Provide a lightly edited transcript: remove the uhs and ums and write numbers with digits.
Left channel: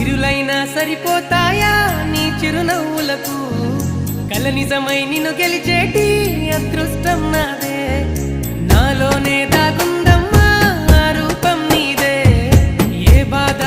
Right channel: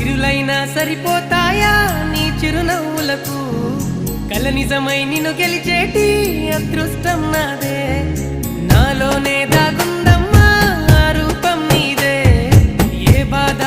సిరులైనా సరిపోతాయా నీ చిరునవ్వులకు కల నిజమై నిన్ను గెలిచేటి అదృష్టం నాదే నాలోనే దాగుందమ్మా ఆ రూపం నీదే ఏ బాధ